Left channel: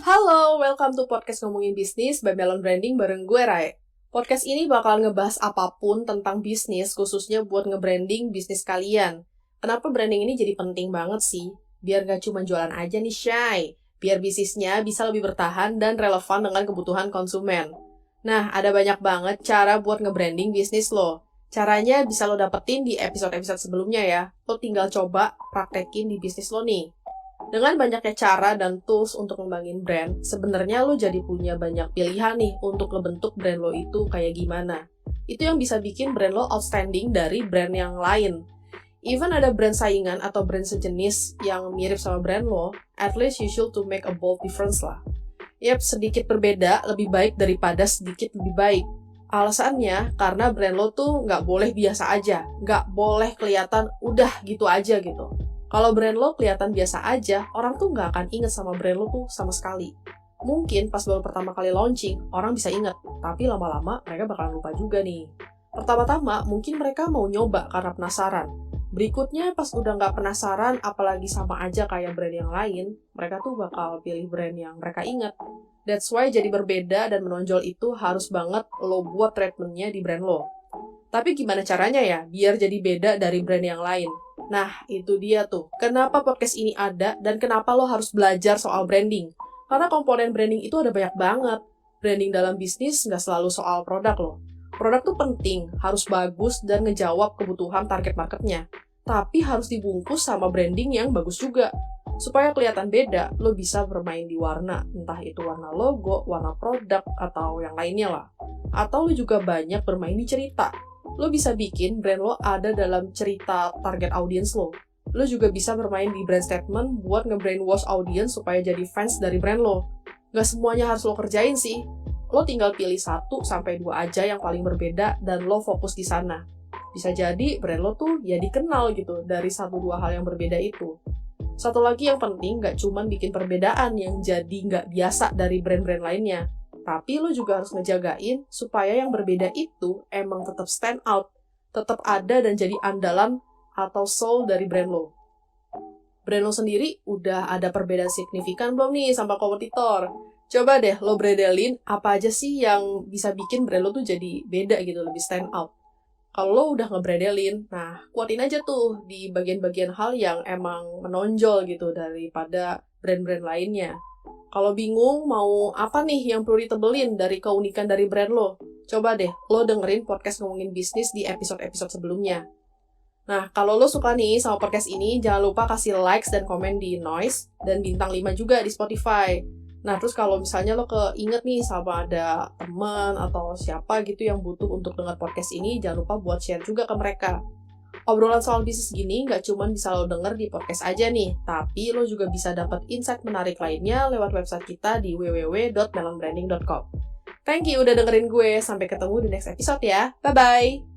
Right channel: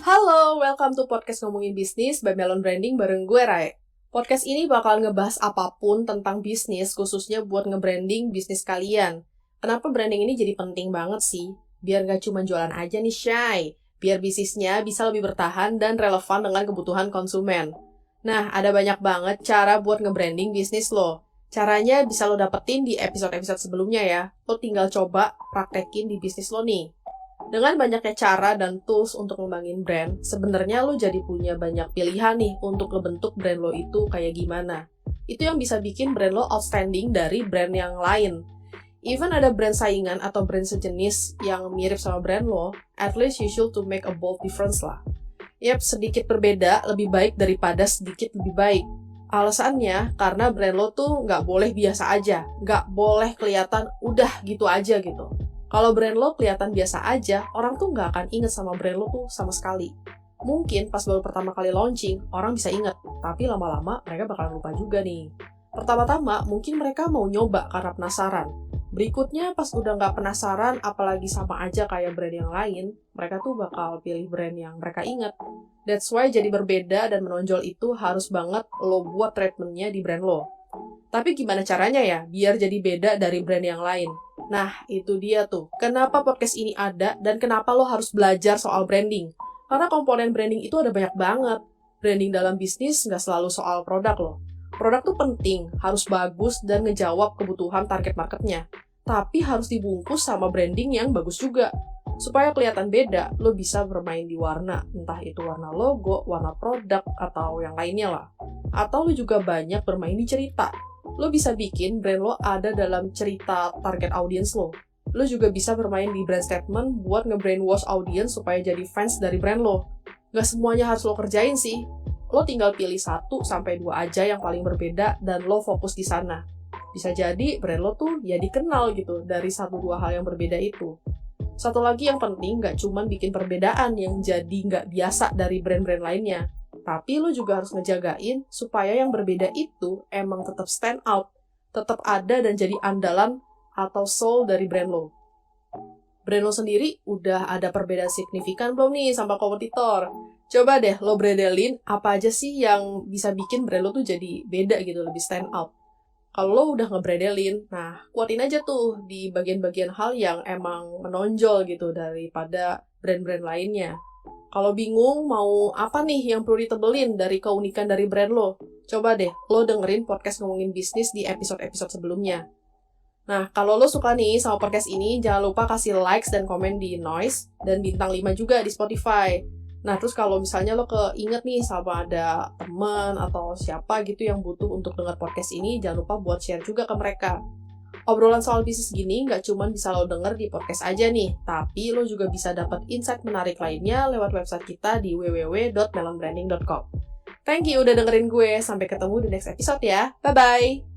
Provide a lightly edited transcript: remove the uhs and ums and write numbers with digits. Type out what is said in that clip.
Halo, welcome to podcast Ngomongin Bisnis by Melon Branding bareng gue, Rai. Podcast ini bakal ngebahas apapun tentang bisnis, khususnya buat nge-branding bisnis kalian. Kenapa branding ini jadi penting banget sih? Biar gak cuma jualan aja nih, Shay. Biar bisnisnya bisa lebih bertahan dan relevan dengan kebutuhan konsumen. Nah, ada banyak banget cara buat nge-branding bisnis lo. Caranya bisa lo dapetin di episode-episode sebelumnya ya. Lo tinggal coba praktekin di bisnis lo nih. Dengan banyaknya cara dan tools untuk ngembangin brand, sebenarnya lo jadi punya banyak pilihan nih untuk ngebentuk brand lo itu kayak gimana. Itu yang bisa bikin brand lo outstanding dari brand yang lain. Even ada brand saingan atau brand sejenis yang mirip sama brand lo, at least you should to make a bold difference lah. Yap, sedikit berbeda lebih baik daripada sedikit lebih baik. Alasannya, karena brand lo tuh nggak boleh biasa aja, nggak boleh kelihatan udah gitu aja gitu. Kalau brand lo kelihatan biasa aja, orang tuh nggak akan inget sama brand lo tuh sama sekali. Mungkin pas baru pertama kali launching, orang bisa inget, tapi lama-lama mereka bakalan lupa juga nih. Pertama-tama, mungkin mereka mau nyoba karena penasaran. Berikutnya, pas udah nggak penasaran, apalagi sama aja kayak brand yang lain, mereka tuh bakal pilih brand yang mereka inget. That's why jadi berbeda dan menonjol itu harus banget lo buat treatment-nya di brand lo. Tapi gimana caranya ya, biar jadi beda dari brand yang lain? Nah, itu dia tuh. Kenapa podcast ini ada dan kenapa lo harus belajar soal branding? Karena komponen branding itu ada banyak banget. Branding dalam bisnis nggak selalu soal produk loh. Produk tuh penting, harus bagus dan ngejawab kebutuhan target marketnya. Tapi harus dibungkus sama branding yang bagus juga. Supaya kelihatan beda, lo bisa bermain di warna. Entah itu warna logo, warna produk, atau yang lainnya lah. Atau lo juga banyak bermain di cerita. Lo bisa bikin brand lo ada dalam cerita target audience lo. Lo juga bisa bermain di brand statement buat nge-brainwash audience supaya jadi fans dari brand lo. Gak semuanya harus lo kerjain sih. Lo tinggal pilih 1-2 aja yang paling berbeda dan lo fokus di sana. Bisa jadi brand lo tuh ya dikenal gitu dari 1-2 hal yang berbeda itu. Satu lagi yang penting, gak cuman bikin perbedaan yang jadi gak biasa dari brand-brand lainnya. Tapi lo juga harus ngejagain supaya yang berbeda itu emang tetap stand out, tetap ada dan jadi andalan atau soul dari brand lo. Brand lo sendiri udah ada perbedaan signifikan belum nih sama kompetitor? Coba deh lo bredelin apa aja sih yang bisa bikin brand lo tuh jadi beda gitu, lebih stand out. Kalau lo udah ngebredelin, nah kuatin aja tuh di bagian-bagian hal yang emang menonjol gitu daripada brand-brand lainnya. Kalau bingung mau apa nih yang perlu ditebelin dari keunikan dari brand lo, coba deh lo dengerin podcast Ngomongin Bisnis di episode-episode sebelumnya. Nah, kalau lo suka nih sama podcast ini, jangan lupa kasih likes dan komen di Noise, dan bintang 5 juga di Spotify. Nah, terus kalau misalnya lo keinget nih sama ada teman atau siapa gitu yang butuh untuk dengar podcast ini, jangan lupa buat share juga ke mereka. Obrolan soal bisnis gini nggak cuma bisa lo denger di podcast aja nih, tapi lo juga bisa dapat insight menarik lainnya lewat website kita di www.melonbranding.com. Thank you udah dengerin gue, sampai ketemu di next episode ya, bye-bye!